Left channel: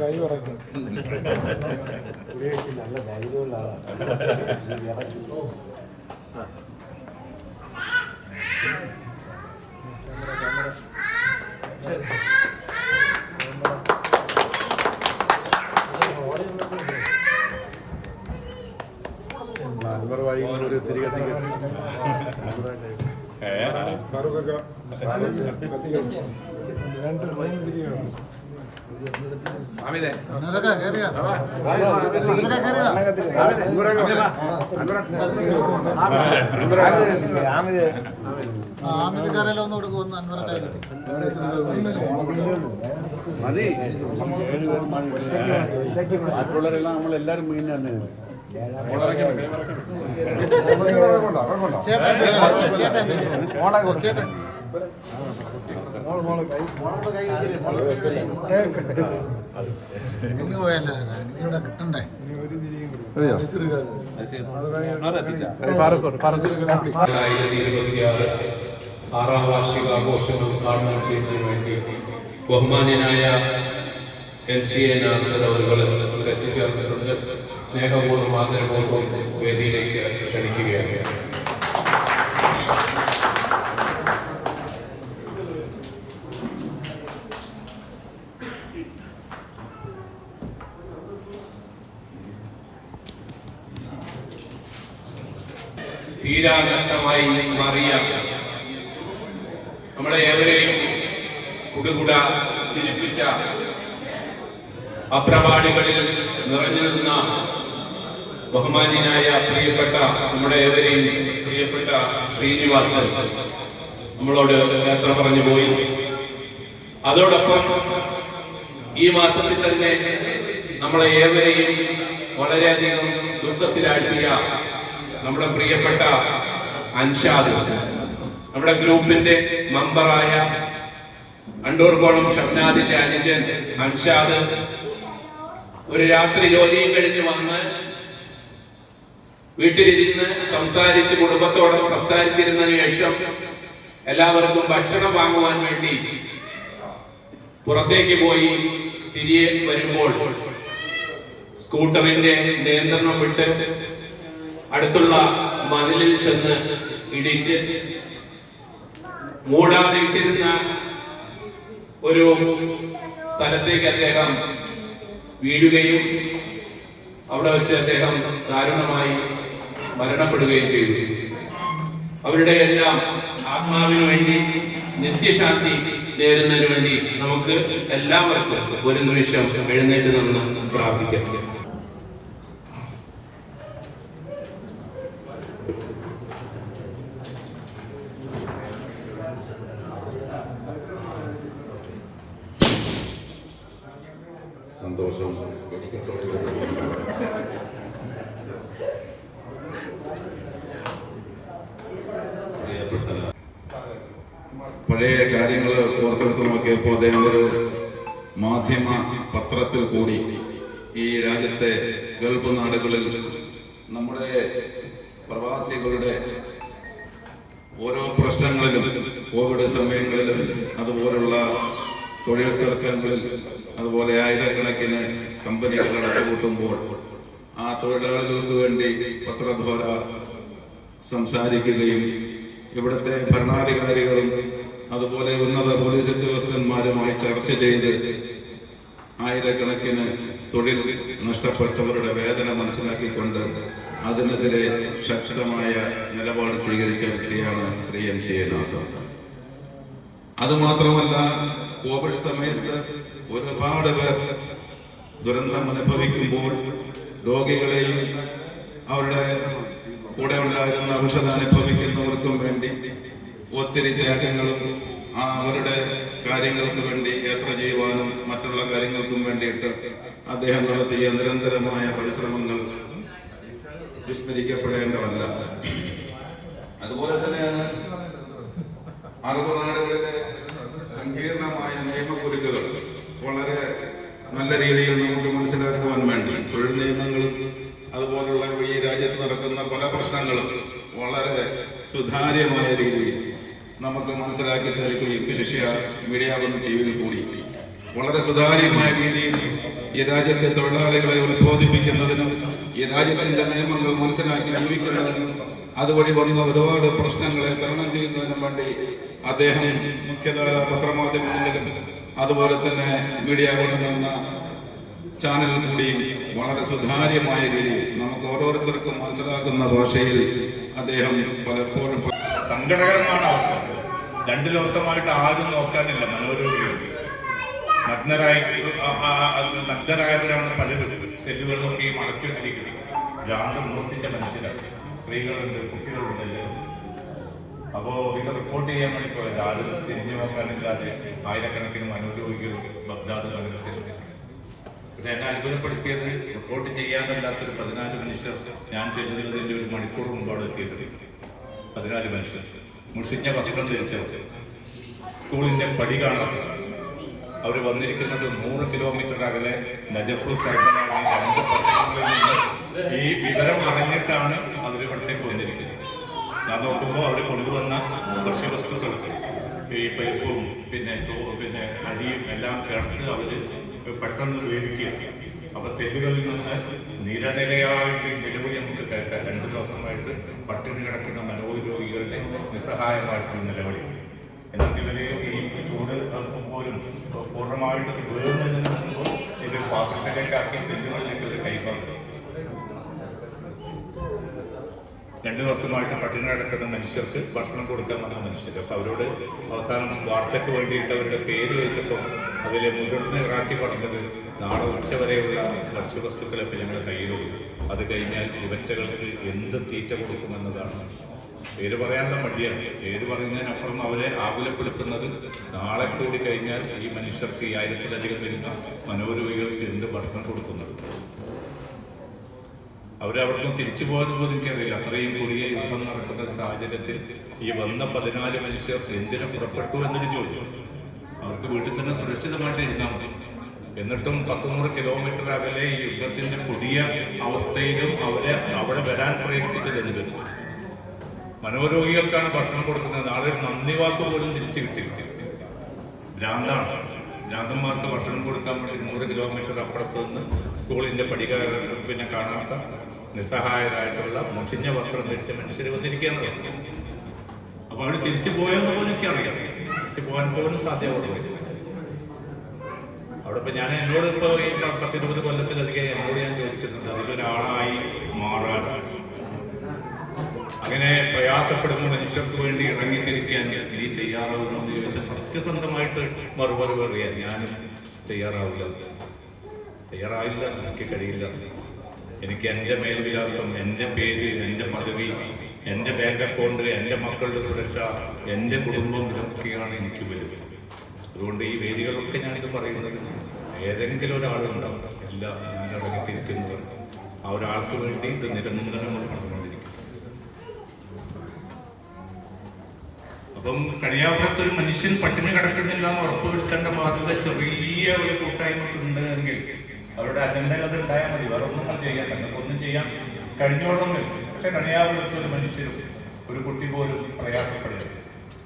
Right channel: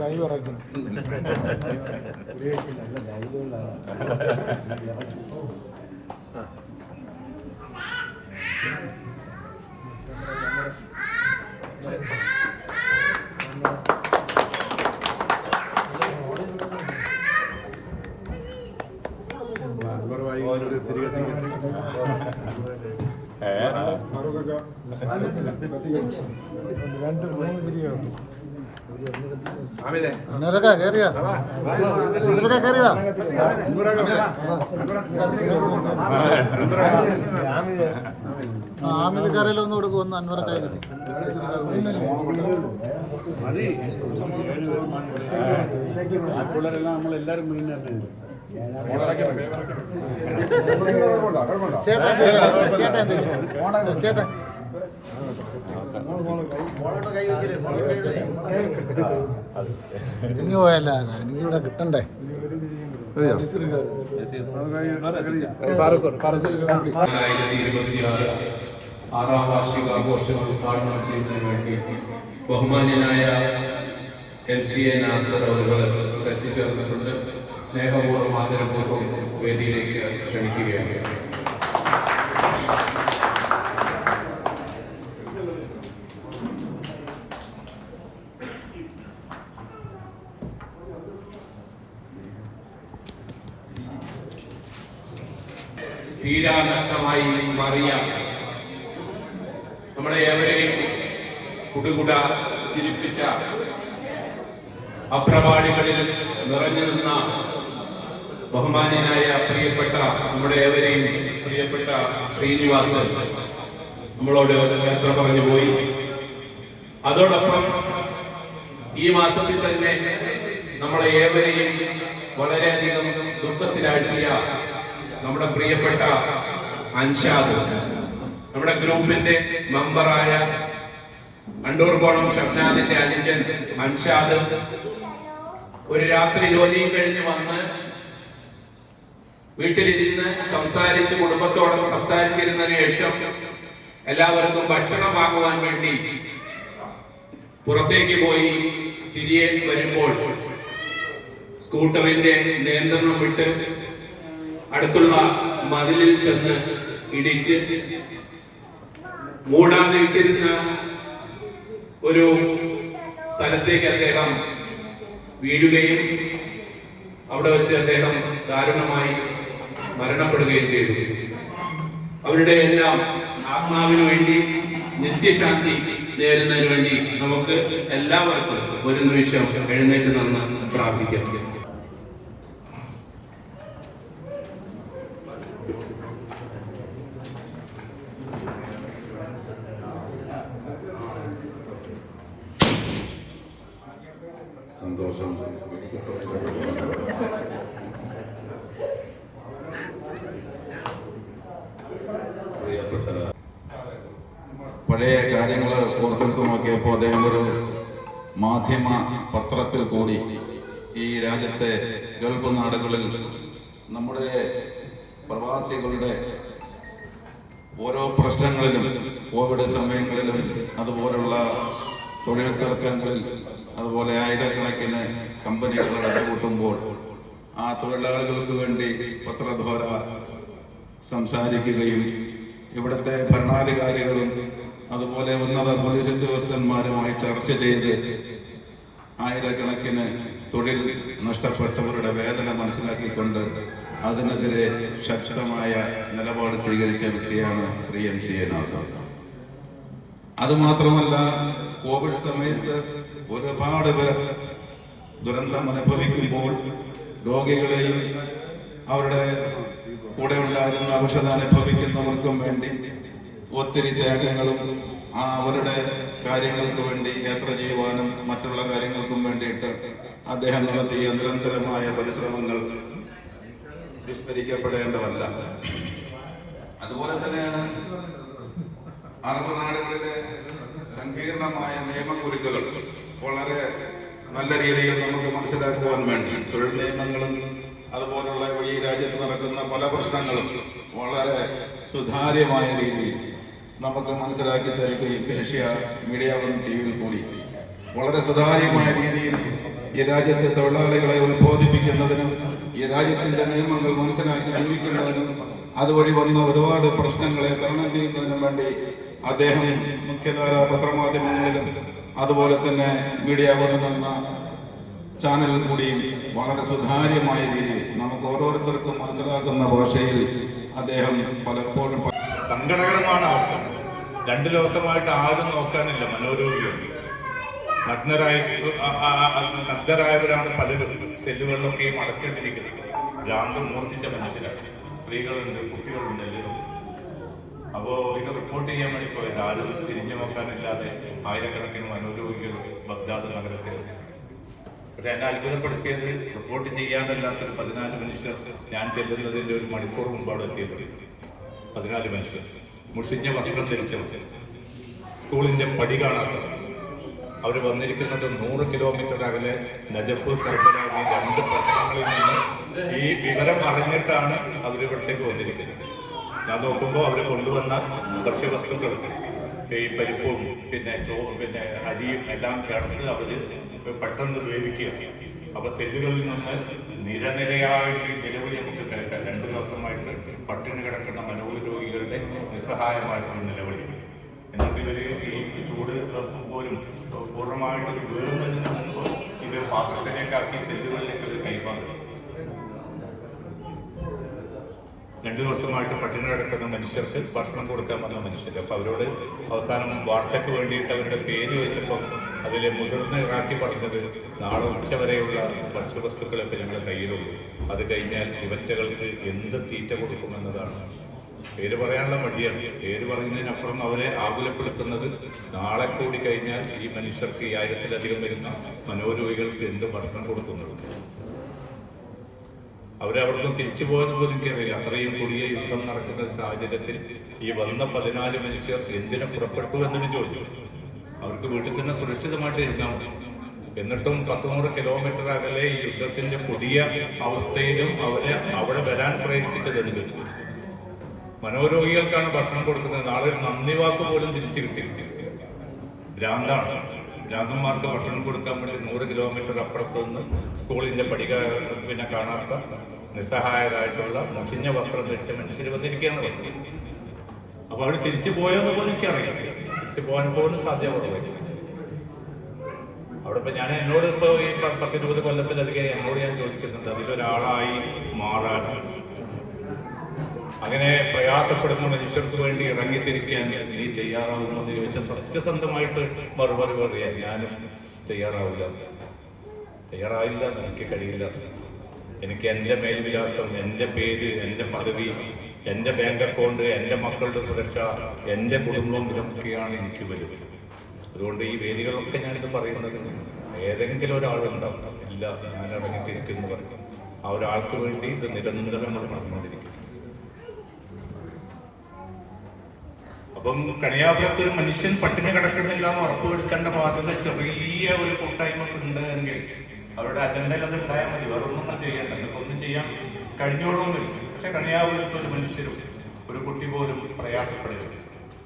കൈ പറക്കും നല്ല ധൈര്യമുള്ള ആമിത് കറിയിലൊന്നും കൊടുക്കും ഒന്ന് അൻവറ കൈ കത്തി നമ്മളെല്ലാരും ചേട്ടാ ചേട്ടാ ചേട്ടാ ഇങ്ങ് പോയല്ല ഇവിടെ കിട്ടണ്ടേ ആറാം വാർഷികാഘോഷം ഉദ്ഘാടനം ചെയ്യുന്നതിന് വേണ്ടി ബഹുമാന്യനായ MCA നാസർ അവരുകൾ എത്തിച്ചേർന്നിട്ടുണ്ട്. സ്നേഹപൂർവ്വം ആദരപൂർവ്വം വേദിയിലേക്ക് ക്ഷണിക്കുകയാണ്. തീരാനഷ്ടമായി മാറിയ നമ്മളെ ഏവരെയും കുടുകുട ചിരിപ്പിച്ച അപ്രവാടികളിൽ നിറഞ്ഞു നിന്ന ബഹുമാന്യനായ പ്രിയപ്പെട്ട നമ്മുടെ ഏവരെയും പ്രിയപ്പെട്ട ശ്രീനിവാസൻ നമ്മളോട് യാത്ര പറഞ്ഞു പോയി. അതോടൊപ്പം ഈ മാസത്തിൽ തന്നെ നമ്മളെ ഏവരെയും വളരെയധികം ദുഃഖത്തിലാഴ്ത്തിയ നമ്മുടെ പ്രിയപ്പെട്ട അൻഷാദ്, നമ്മുടെ ഗ്രൂപ്പിന്റെ മെമ്പറായ അണ്ടൂർകോളം ഷംനാദിന്റെ അനുജൻ അൻഷാദ് ഒരു രാത്രി ജോലിയും കഴിഞ്ഞ് വന്ന് വീട്ടിലിരുന്ന് സംസാരിച്ച് കുടുംബത്തോടും സംസാരിച്ചിരുന്നതിന് ശേഷം എല്ലാവർക്കും ഭക്ഷണം വാങ്ങുവാൻ വേണ്ടി പുറത്തേക്ക് പോയി തിരികെ വരുമ്പോൾ സ്കൂട്ടറിന്റെ നിയന്ത്രണം വിട്ട് അടുത്തുള്ള മതിലിൽ ചെന്ന് ഇടിച്ച് മൂടാതെ ഇട്ടിരുന്ന ഒരു സ്ഥലത്തേക്ക് അദ്ദേഹം വീഴുകയും അവിടെ വെച്ച് അദ്ദേഹം ദാരുണമായി മരണപ്പെടുകയും ചെയ്തു. അവരുടെ എല്ലാം ആത്മാവിന് വേണ്ടി നിത്യശാന്തി നേരുന്നതിന് വേണ്ടി നമുക്ക് എല്ലാവർക്കും ഒരു നിമിഷം എഴുന്നേറ്റ് നിന്ന് പ്രാർത്ഥിക്കാം. സന്തോഷം. പഴയ കാര്യങ്ങൾ ഓർത്തെടുത്ത് നോക്കിയപ്പോൾ അദ്ദേഹം ഒരു മാധ്യമ പത്രത്തിൽ കൂടി ഈ രാജ്യത്തെ ഗൾഫ് നാടുകളിൽ നമ്മുടെ പ്രവാസികളുടെ ഓരോ പ്രശ്നങ്ങളിലും കോവിഡ് സമയങ്ങളിലും അതുപോലുള്ള തൊഴിൽ തർക്കങ്ങളിൽ അതുപോലെ ആയിരക്കണക്കിന് കമ്പനികൾ അടച്ചുപൂട്ടുമ്പോൾ ആ തൊഴിലാളികൾക്ക് വേണ്ടി പത്രദ്വാര സംസാരിക്കുകയും ഇവിടുത്തെ ഭരണാധികാരികളും അതുപോലെ ഉന്നത പോലീസ് ഉദ്യോഗസ്ഥന്മാരുമായി ചർച്ച ചെയ്ത് ആയിരക്കണക്കിന് തൊഴിൽ നഷ്ടപ്പെട്ടവരുടെ വേദന മനസ്സിലാക്കിക്കൊണ്ട് അതിനെതിരെ ശക്തമായ നിലപാട് സ്വീകരിച്ച വ്യക്തിയാണ് ശ്രീ MCA നാസർ. അതുമാത്രമല്ല, കോവിഡ് സമയത്ത് ഒരുപാട് പേർ ദുരന്തം അനുഭവിക്കുമ്പോൾ രോഗികളെയും അവരുടെ കൂടെ ഉണ്ടായിരുന്ന ഔഷധ അനുഭവിക്കുന്നവർക്കും വേണ്ടി ഒത്തിരി ത്യാഗങ്ങളും അവരുടെ കാര്യങ്ങൾക്ക് വേണ്ടി യാത്ര ചെയ്യുവാനും മറ്റുള്ള കാര്യങ്ങൾക്കും വേണ്ടിയിട്ട് അദ്ദേഹം നടത്തിയ നിരന്തരമായ പരിശ്രമങ്ങൾ വിസ്മരിക്കപ്പെടേണ്ടതല്ല. അതുപോലെ തന്നെയാണ് അറുപതാളുകളുടെ സങ്കീർണമായ നിയമക്കുരുക്കുകൾ വളരെ നല്ല രീതിയിൽ നമുക്ക് മനസ്സിലാക്കുവാൻ വേണ്ടി തൊഴിൽ നിയമങ്ങളും അതുപോലുള്ള ഈ രാജ്യത്ത് നടക്കുന്ന പല പ്രശ്നങ്ങളും വളരെ സുതാര്യമായ രീതിയിൽ നമുക്ക് മനസ്സിലാക്കി തരുകയും ശിഷ്യ മീഡിയ വൺ ടിവിയിൽ കൂടി വളരെ സുതാര്യമായ രീതിയിൽ ഈ രാജ്യത്തെ തൊഴിലാളികളെ ഉത്ബോധിപ്പിക്കുന്നതിനും ഈ രാജ്യത്തിന്റെ നിയമങ്ങൾ മനസ്സിലാക്കി ജീവിക്കുന്നതിനും അതുവഴി വന്ന ഒരുപാട് പ്രശ്നങ്ങളെ തരണം ചെയ്യുന്നതിനും വേണ്ടി അദ്ദേഹം മുഖ്യധാര പത്രമാധ്യമങ്ങളിലും അതുപോലെ തന്നെ മീഡിയ വൺ എന്ന ചാനലിൽ കൂടിയും വളരെ സുതാര്യമായ രീതിയിൽ നമുക്ക് ഓരോരുത്തർക്കും മനസ്സിലാക്കുന്ന ഭാഷയിൽ അദ്ദേഹം പലപ്പോഴും സങ്കടകരമാണ് അവസ്ഥ. 2 ദിവസമായിട്ട് ആരും നോക്കാനില്ല. മനോരോഗികൾ നഗ്നരായവരാണ് പലരും സെല്ലുകളിലൊക്കെയും അടച്ചിട്ടിരിക്കുന്നത്. ഭ്രാന്ത് മോഷിച്ച മനുഷ്യർ, സ്ത്രീകളുണ്ട്, കുട്ടികളുണ്ട്. അപ്പോ ഇത് റിപ്പോർട്ട് ചെയ്യാൻ വേണ്ടി പോയത് ആരും തിരിഞ്ഞു നോക്കാനില്ലാതെ ആയിരക്കണക്കിന് മനോരോഗികൾ ബഗ്ദാദ് നഗരത്തിൽ. പക്ഷെ എന്നെ അത്ഭുതപ്പെടുത്തിയത് റിപ്പോർട്ട് ചെയ്യാനല്ലാത്തൊരു 14 മനുഷ്യർ ഞാൻ ചെല്ലുന്നതിന്റെ ഒരു മണിക്കൂർ മുമ്പാണ് എത്തിയത്. 14 മനുഷ്യർ മുഷിഞ്ഞ വസ്ത്രം ധരിച്ചവർ, സ്കൂളിന്റെ പടി കാണാത്തവർ. അവർ വന്നിരിക്കുന്നത് 100 കിലോമീറ്റർ അകലെ നജഫ് കർബല 2 പട്ടണങ്ങളിൽ നിന്ന് ഈ വിവരം അറിഞ്ഞിട്ടാണ് അവരിവിടത്തേക്ക് വന്നിരിക്കുന്നത്. ഞാൻ നോക്കുമ്പോൾ അവർ കൊണ്ടുവന്ന ഭക്ഷ്യവസ്തുക്കൾ ഈ പരിപ്പും പിന്നെ അരിയും എല്ലാം ചേർത്ത് അവർ പെട്ടെന്ന് വേവിക്കുക. അപ്പൊ സെല്ലുകളിൽ നിന്ന് നിരനിരയായിട്ട് നിരവധി നമുക്ക് കേൾക്കാം. 2 ദിവസമായിട്ട് പട്ടിണി കിടക്കുന്ന മനോരോഗികളുടെ നിസ്സഹായമായിട്ടുള്ള നിലവിളി. എന്നിട്ട് ഇവരെ ഈ ചൂട് പോലും പൂർണ്ണമായിട്ട് ദുരന്തത്തിൽ നിന്ന് ഇത് പാത്രത്തിലേക്കാക്കി സെല്ലുകളിലേക്ക് ഒരു കൈമാറി. 2 ദിവസമായിട്ട് പട്ടിണി കിടക്കുന്ന മനുഷ്യർക്ക് ഭക്ഷണം കൊടുക്കാൻ വന്ന മനുഷ്യർ. അപ്പൊ അവരോട് അവസാനം വാർത്തയ്ക്ക് വേണ്ടിയിട്ട് അവരുടെ പേര് വെച്ചപ്പോൾ അതിലെ മുതിർന്ന ഇറാഖി പറഞ്ഞത് നാളെ ഉച്ച വരെയുള്ള ഭക്ഷ്യവസ്തുക്കളൊക്കെ ഞങ്ങൾ കയ്യിലുള്ളൂ, അത് കഴിഞ്ഞാൽ ഇവറ്റകൾക്ക് എന്ത് തീറ്റ കൊടുക്കുമെന്നതാണ്. പേര് പറയാനുള്ള മടിയാണ്. പേര് പറയുന്നതിനപ്പുറം അവരെ ആകുലപ്പെടുത്തുന്നത് നാളെ കൂടി കഴിഞ്ഞാൽ ഈ മനുഷ്യർക്ക് 1000-ലധികം വരുന്ന മനോരോഗികൾക്ക് എന്ത് ഭക്ഷണം കൊടുക്കുന്നത്. അവരവിടുന്ന് തിരിച്ചു പോകാൻ പോലും എനിക്കറിയില്ല. അത്രയും കൊടിയ യുദ്ധം നടക്കുന്ന സാഹചര്യത്തിൽ ഈ വന്ന 14 മനുഷ്യർ എന്തിനെ പുറപ്പെട്ടു എന്നൊരു ചോദ്യം. അവർക്ക് വീട്ടിൽ തന്നെ സുരക്ഷിതമായിട്ട് ഇരുന്നാൽ മതി. എന്നിട്ടും 100 കിലോമീറ്റർ അകലെ ഈ യുദ്ധത്തിന്റെ പുതിയ അവസ്ഥയിലും അവരെ അവിടെ വരാൻ പ്രേരിപ്പിച്ചത് എന്ത്? മനോരോഗികൾക്കാണ് ഭക്ഷണം കൊടുക്കുന്നത്. നാളെ നന്ദി വാക്ക് പോലും തിരിച്ചു കിട്ടിയിരിക്കും. ഭ്രാന്താണ്. ഭ്രാന്തന്മാർക്ക് ഭക്ഷണം കൊടുക്കാൻ വേണ്ടി 100 കിലോമീറ്റർ അപ്പുറത്ത് നിന്ന് സ്കൂളിന്റെ പിന്നെ കാണാത്ത നിസ്സഹായരായിട്ടുള്ള മുഷിഞ്ഞ വസ്ത്രം ധരിച്ച മനുഷ്യർ വന്നിരിക്കുകയാണ് പറഞ്ഞത്. അപ്പൊ അവർ തിരിച്ചു പോയോന്ന് പോലും എനിക്കറിയാം. തിരിച്ചു പോകാൻ പോലും സാധ്യതയുള്ളൂ. അവിടെ ഇപ്പൊ എന്നോട് ഇപ്പൊ ഈ 10-20 കൊല്ലത്തിലധികം എന്നോട് ഞാൻ ചോദിക്കുന്നുണ്ട്, അതിലൊരാളായി മാറാൻ, അങ്ങനെ പ്രയാസപ്പെടുന്ന മനുഷ്യർക്ക് വേണ്ടി ഇറങ്ങിത്തിരിക്കാൻ നീ തയ്യാറാവുമോ എന്ന് ചോദിച്ചാൽ സത്യസന്ധമായിട്ട് മറുപടി പറയാൻ ഞാനും തയ്യാറാവില്ല. എനിക്ക് കഴിയില്ല. എനിക്ക് എൻ്റെ മേൽവിലാസം, എൻ്റെ പേര്, എൻ്റെ പദവി, എൻ്റെ ബാങ്ക് അക്കൗണ്ട്, എൻ്റെ മക്കളുടെ സുരക്ഷ, എൻ്റെ കുടുംബം, ഇതൊക്കെയാണ് എനിക്ക് വലുത്. അതുകൊണ്ട് ഈ വേദികളൊക്കെ ഞാനിത് പറയുന്നത് ഏതെങ്കിലും ഒരാളുണ്ടാവും, ഇല്ല ഞാൻ ഇറങ്ങിത്തിരിക്കുന്നു പറഞ്ഞു. ആ ഒരാൾക്ക് വേണ്ടി ഇത് നിരന്തരം നമ്മൾ പറഞ്ഞുകൊണ്ടിരിക്കും. അപ്പം കണിയാപുരത്ത് ഒരു മനുഷ്യൻ പട്ടിണി കിടക്കുന്നില്ല എന്ന് ഉറപ്പുവരുത്തേണ്ട ബാധ്യത ചെറിയ ഒരു കൂട്ടായ്മക്കുണ്ട് എങ്കിൽ അവരുടെ അജണ്ടയിൽ അത് ഉണ്ടായാൽ മതി. വേറൊന്നും ചെയ്യാൻ, ഒന്നും ചെയ്യാൻ കഴിഞ്ഞോളൊന്നും. പക്ഷെ കണിയാപുരത്ത് ഒരു മനുഷ്യരും ഒരു കുട്ടി പോലും പ്രയാസപ്പെടുന്നു.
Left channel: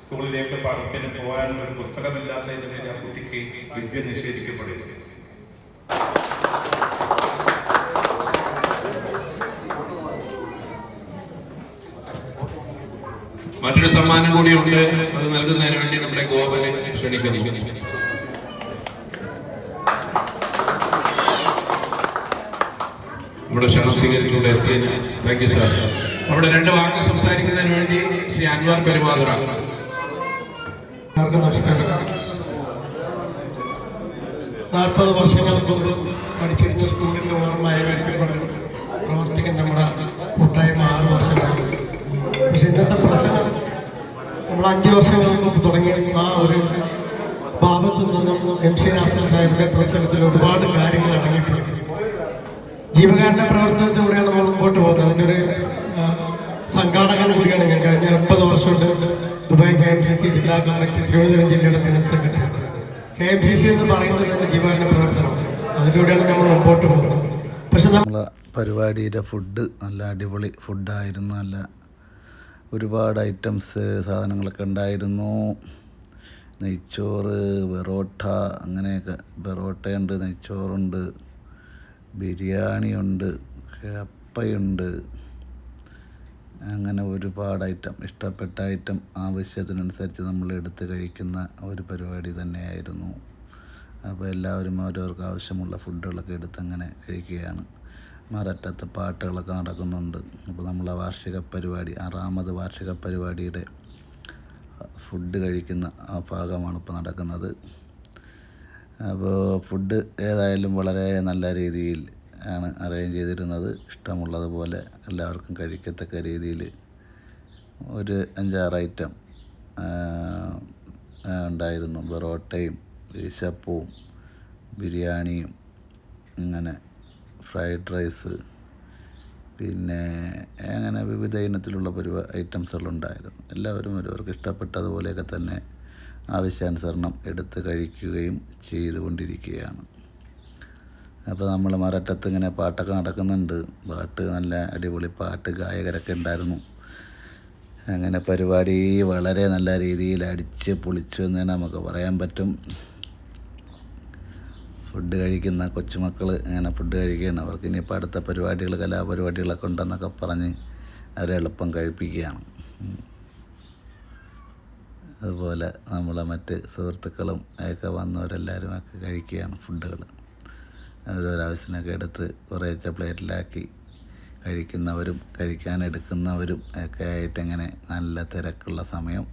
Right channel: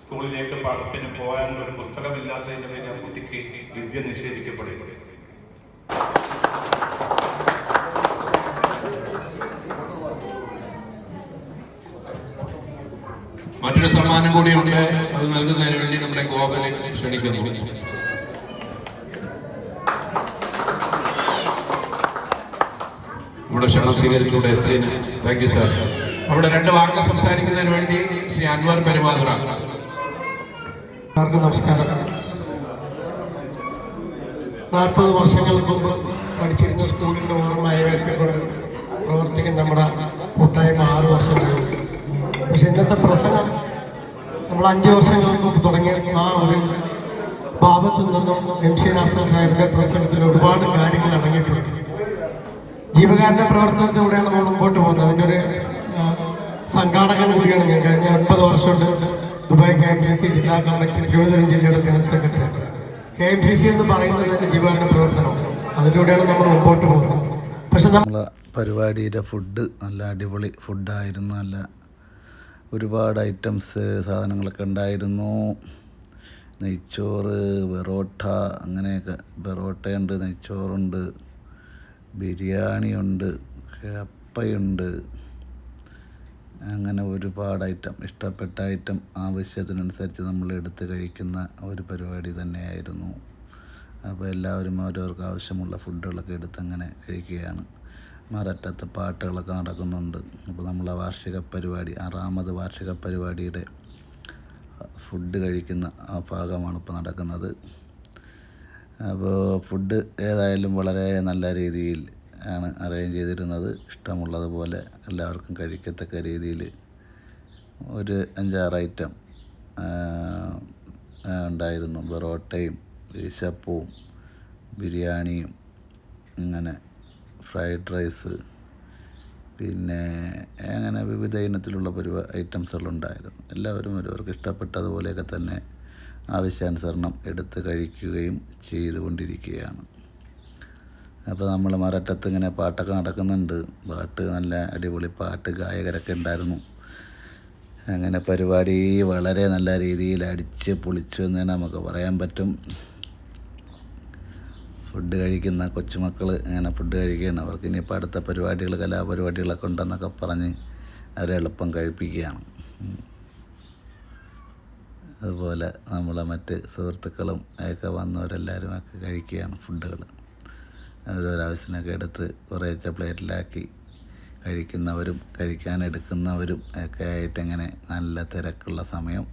സ്കൂളിലേക്ക് പാഠത്തിന് പോകാൻ ഒരു പുസ്തകമില്ലാത്തതിന്റെ പേരിൽ ആ കുട്ടിക്ക് വിദ്യ നിഷേധിക്കപ്പെടുന്നു. മറ്റൊരു സമ്മാനം കൂടിയുണ്ട്. അത് നൽകുന്നതിന് വേണ്ടി നമ്മുടെ ഗോപനെ ക്ഷണിക്കുന്നു. നമ്മുടെ ക്ഷണം സ്വീകരിച്ചുകൊണ്ട് എത്തിയതിന് താങ്ക് യു സാർ. അവിടെ 2 വാക്ക് സംസാരിക്കുന്നതിന് വേണ്ടി ശ്രീ അൻവർ പെരുമാതുറ. നമസ്കാരം. 40 വർഷങ്ങൾക്ക് മുമ്പ് പഠിച്ചിരുന്ന സ്കൂളിന്റെ ഓർമ്മയായി പ്രവർത്തിക്കുന്ന നമ്മുടെ കൂട്ടായ്മ 6 വർഷമായി. പക്ഷെ ഇന്നത്തെ പ്രശ്നം നമ്മൾ 5 വർഷങ്ങൾക്ക് മുമ്പ് തുടങ്ങിയ ആ ഒരു ഭാവത്തിൽ നിന്നും MC നാസർ സാഹിബിന്റെ പ്രസംഗത്തിൽ ഒരുപാട് കാര്യങ്ങൾ അടങ്ങിയിട്ടുണ്ട്. ജീവകാരുണ്യ പ്രവർത്തനത്തിലൂടെയാണ് നമ്മൾ മുമ്പോട്ട് പോകുന്നത്. അതിൻ്റെ ഒരു സംഘാടകൻ കൂടിയാണ് ഞാൻ. കഴിഞ്ഞ 9 വർഷമായിട്ട് ദുബായ് KMCC ജില്ലാ കമ്മിറ്റി തിരുവനന്തപുരം ജില്ലയുടെ ജനറൽ സെക്രട്ടറി. KMCC എന്ന് പറയുന്നത് തന്നെ ജീവകാരുണ്യ പ്രവർത്തനമാണ്. അതിലൂടെയാണ് നമ്മൾ മുമ്പോട്ട് പോകുന്നത്. പക്ഷെ നമ്മളെ പരിപാടിയുടെ ഫുഡ് നല്ല അടിപൊളി ഫുഡായിരുന്നു. നല്ല ഒരുപാട് ഐറ്റംസ് സാധനങ്ങളൊക്കെ ഉണ്ടായിരുന്നു. നെയ്ച്ചോറ്, ബെറോട്ട, അങ്ങനെയൊക്കെ. ബെറോട്ടയുണ്ട്, നെയ്ച്ചോറുണ്ട്, ബിരിയാണിയുണ്ട്, കപ്പയുണ്ട്, അങ്ങനെ ഒരുപാട് ഐറ്റം. ഇഷ്ടപ്പെട്ട ഐറ്റം ആവശ്യത്തിനനുസരിച്ച് നമ്മൾ എടുത്ത് കഴിക്കുന്ന ഒരു പരിപാടി തന്നെയായിരുന്നു. അപ്പോൾ എല്ലാവരും ഓരോർക്ക് ആവശ്യമുള്ള ഫുഡുകളൊക്കെ എടുത്ത് അങ്ങനെ കഴിക്കുകയാണ്. മററ്റത്ത് പാട്ടുകളൊക്കെ നടക്കുന്നുണ്ട്. അപ്പോൾ നമ്മളെ വാർഷിക പരിപാടി, 6ാമത് വാർഷിക പരിപാടിയുടെ ഫുഡ് കഴിക്കുന്ന ആ ഭാഗമാണ് ഇപ്പോൾ നടക്കുന്നത്. അപ്പോൾ ഫുഡ് ഏതായാലും വളരെ നല്ല രീതിയിൽ ആണ് അറേഞ്ച് ചെയ്തിരുന്നത്. ഇഷ്ടമുള്ളതുപോലെ എല്ലാവർക്കും കഴിക്കത്തക്ക രീതിയിൽ ഒരു 5-6 ഐറ്റം ഉണ്ടായിരുന്നു. ബെറോട്ടയും ഈശപ്പവും ബിരിയാണിയും അങ്ങനെ ഫ്രൈഡ് റൈസ്, പിന്നെ അങ്ങനെ വിവിധ ഇനത്തിലുള്ള ഐറ്റംസുകളുണ്ടായിരുന്നു. എല്ലാവരും അവർക്ക് ഇഷ്ടപ്പെട്ടതുപോലെയൊക്കെ തന്നെ ആവശ്യാനുസരണം എടുത്ത് കഴിക്കുകയും ചെയ്തുകൊണ്ടിരിക്കുകയാണ്. അപ്പോൾ നമ്മൾ മററ്റത്ത് ഇങ്ങനെ പാട്ടൊക്കെ നടക്കുന്നുണ്ട്. പാട്ട് നല്ല അടിപൊളി പാട്ട്, ഗായകരൊക്കെ ഉണ്ടായിരുന്നു. അങ്ങനെ പരിപാടി വളരെ നല്ല രീതിയിൽ അടിച്ച് പൊളിച്ചു എന്ന് തന്നെ നമുക്ക് പറയാൻ പറ്റും. ഫുഡ് കഴിക്കുന്ന കൊച്ചുമക്കൾ അങ്ങനെ ഫുഡ് കഴിക്കുകയാണ്. അവർക്ക് ഇനിയിപ്പോൾ അടുത്ത പരിപാടികൾ, കലാപരിപാടികളൊക്കെ ഉണ്ടെന്നൊക്കെ പറഞ്ഞ് അവരെ എളുപ്പം കഴിപ്പിക്കുകയാണ്. അതുപോലെ നമ്മളെ മറ്റ് സുഹൃത്തുക്കളും ഒക്കെ വന്നവരെല്ലാവരും ഒക്കെ കഴിക്കുകയാണ് ഫുഡുകൾ. ഓരോരാവശ്യത്തിനൊക്കെ എടുത്ത് കുറേശ്ശെ പ്ലേറ്റിലാക്കി കഴിക്കുന്നവരും കഴിക്കാനെടുക്കുന്നവരും ഒക്കെ ആയിട്ട് ഇങ്ങനെ നല്ല തിരക്കുള്ള സമയം.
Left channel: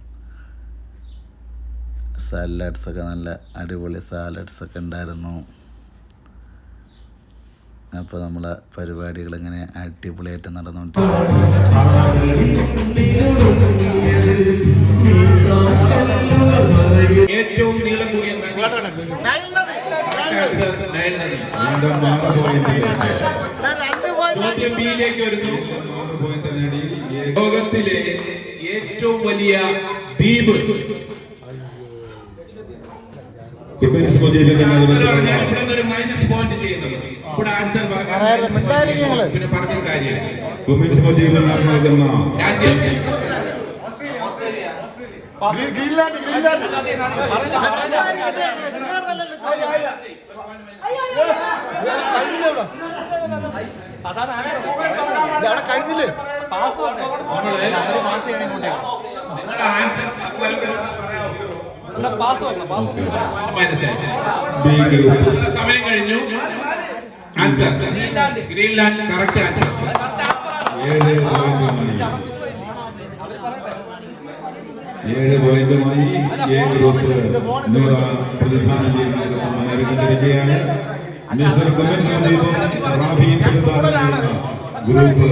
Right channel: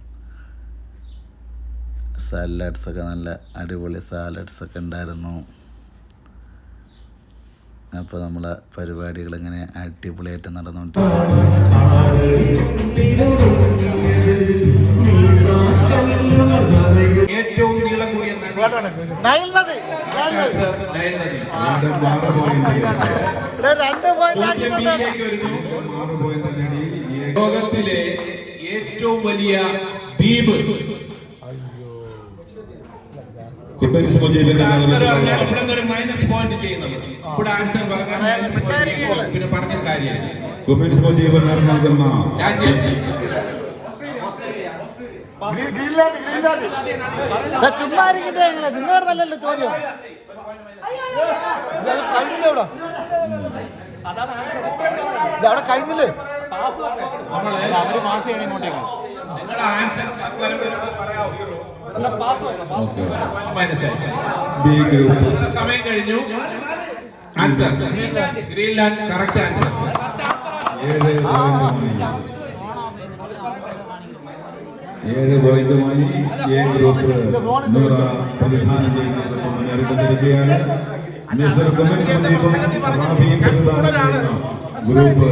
സാലഡ്സൊക്കെ നല്ല അടിപൊളി സാലഡ്സൊക്കെ ഉണ്ടായിരുന്നു. അപ്പോൾ നമ്മളെ പരിപാടികളിങ്ങനെ അടിപൊളിയായിട്ട് നടന്നുകൊണ്ടിരിക്കും. ഏറ്റവും നീളം കൂടിയ ലോകത്തിലെ ഏറ്റവും വലിയ ദ്വീപ് മൈനസ് പോയിന്റ് ചെയ്യുന്നത് ഇവിടെ ആൻസർ പിന്നെ പറഞ്ഞ കാര്യം രാജ്യം കഴിഞ്ഞില്ലേ? നിങ്ങളുടെ ആൻസർ സമയം കഴിഞ്ഞു. Answer Greenland. Correct answer. ഏഴ് പോയിന്റുമായി എ ഗ്രൂപ്പ് നൂറ പ്രതിദാനം ചെയ്യുകയാണ്. മിസ്റ്റർ കുമരൻ റാഫിയും പ്രതിദാനം ചെയ്യുന്ന ഗ്രൂപ്പ്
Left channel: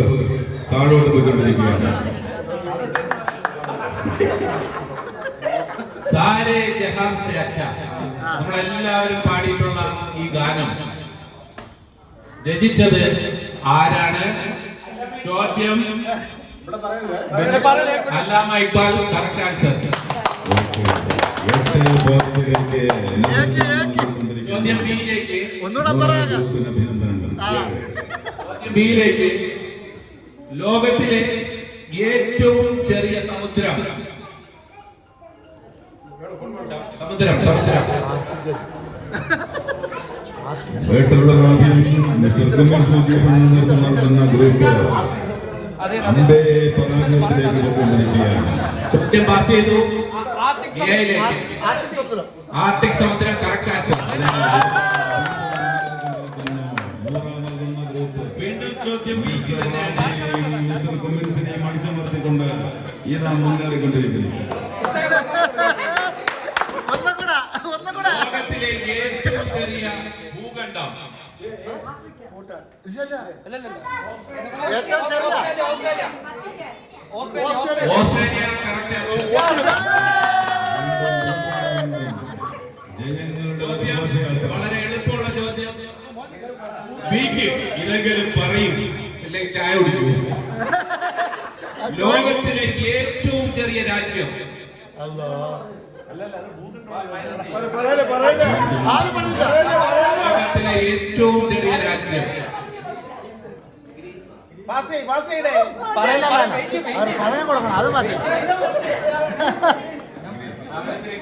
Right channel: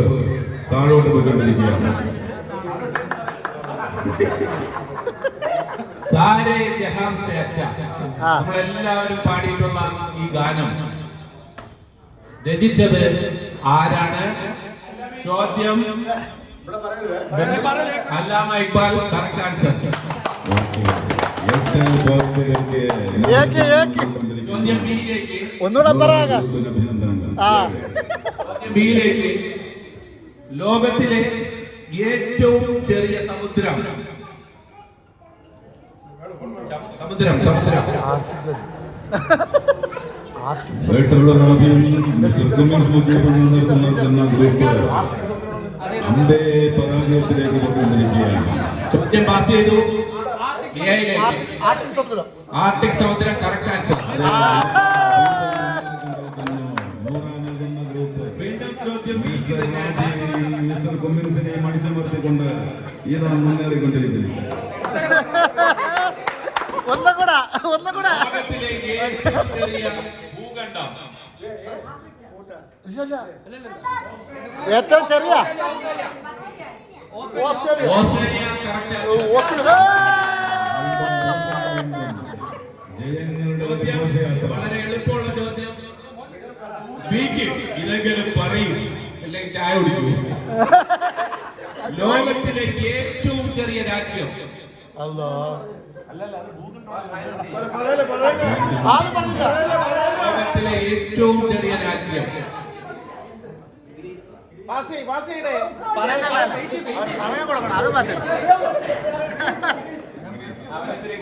താഴോട്ട് പോയിക്കൊണ്ടിരിക്കുകയാണ്. സാരേ ജഹാം സേ അച്ഛാ, നമ്മളെല്ലാവരും പാടിയിട്ടുള്ള ഈ ഗാനം രചിച്ചത് ആരാണ്? ചോദ്യം അല്ലാമ ഇക്ബാൽ. Correct answer. ചോദ്യം ബിയിലേക്ക് ഒന്നുകൂടെ പറയാം. ബിയിലേക്ക് ലോകത്തിലെ ഏറ്റവും ചെറിയ സമുദ്രം. സമുദ്രം സമുദ്രം ചോദ്യം പാസ് ചെയ്തു. ആർട്ടിക് സമുദ്രം. Correct answer. വീണ്ടും ചോദ്യം കമ്മ്യൂണിസ്റ്റിനെയും അടിച്ചമർത്തിക്കൊണ്ട് ഇതാ മുന്നേറിക്കൊണ്ടിരിക്കുന്നു. ലോകത്തിലെ ഏറ്റവും ചെറിയ ഭൂഖണ്ഡം. ഏറ്റവും ചെറിയ ഓസ്ട്രേലിയ. Correct answer. ചോദ്യം വളരെ എളുപ്പമുള്ള ചോദ്യം. ബി കുടിക്കും, ഇതെങ്കിലും പറയും, അല്ലെങ്കിൽ ചായ കുടിക്കൂ. ലോകത്തിലെ ഏറ്റവും ചെറിയ രാജ്യം, ലോകത്തിലെ ഏറ്റവും ചെറിയ രാജ്യം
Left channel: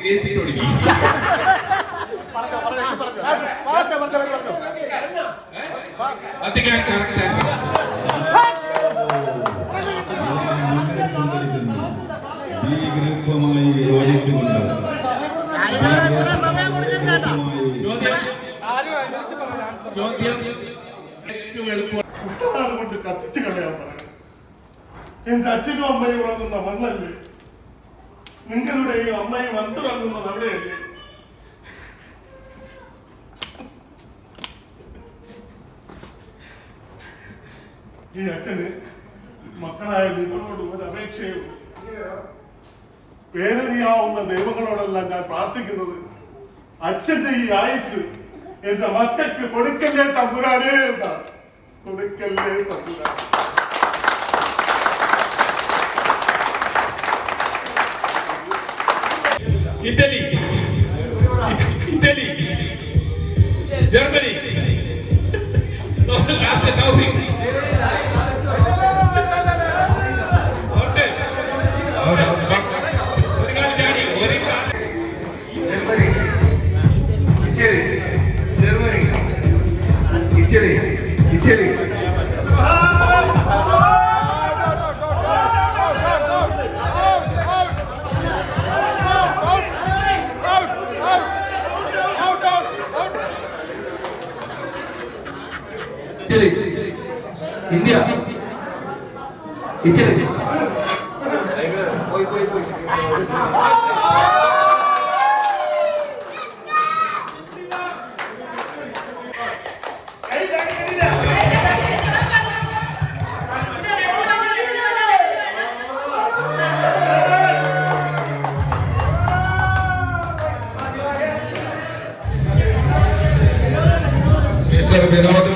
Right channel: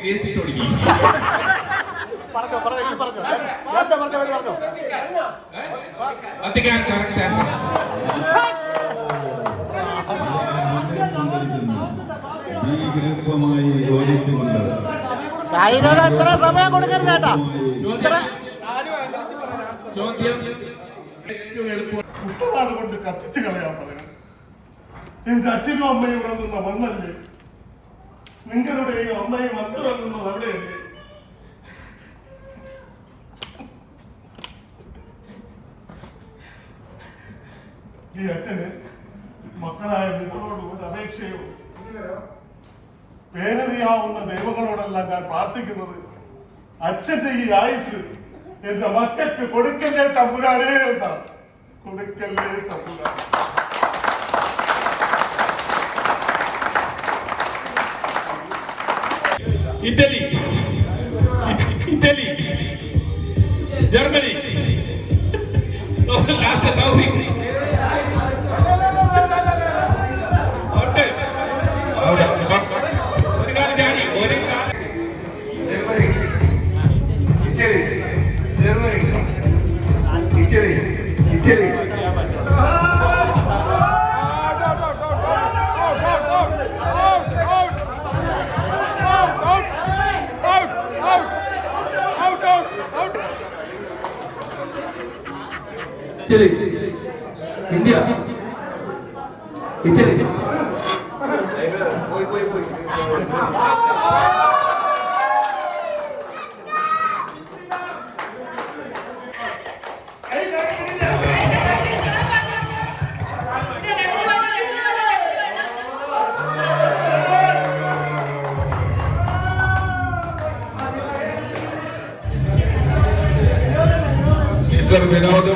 ഗ്രേസിട്ട് കൊടുക്കും. അധികം കറക്റ്റ് വിരുദ്ധമായി യോജിച്ചുകൊണ്ട് ചോദ്യം ഏറ്റവും എളുപ്പം. കുട്ടനാട് കൊണ്ട് കത്തിച്ചു കളയാൻ പറയണം. എന്റെ അച്ഛനും അമ്മയും ഉറങ്ങുന്ന മണ്ണല്ലേ, നിങ്ങളുടെയും അമ്മയും അന്തുറങ്ങുന്നത് അവിടെയല്ലേ? ഈ അച്ഛന് മക്കളായ നിങ്ങളോട് ഒരു അപേക്ഷയോ, പേരറിയാവുന്ന ദൈവങ്ങളോടെല്ലാം ഞാൻ പ്രാർത്ഥിക്കുന്നത്, അച്ഛന്റെ ഈ ആയുസ് എന്റെ മക്കൾക്ക് കൊടുക്കല്ലേ തമ്പുരാനേ എന്നാണ്. കൊടുക്കല്ലേ തമ്പുരാൻ. Italy, Italy, Germany, last Taufiq. Italy, India, Italy. Mister Vinod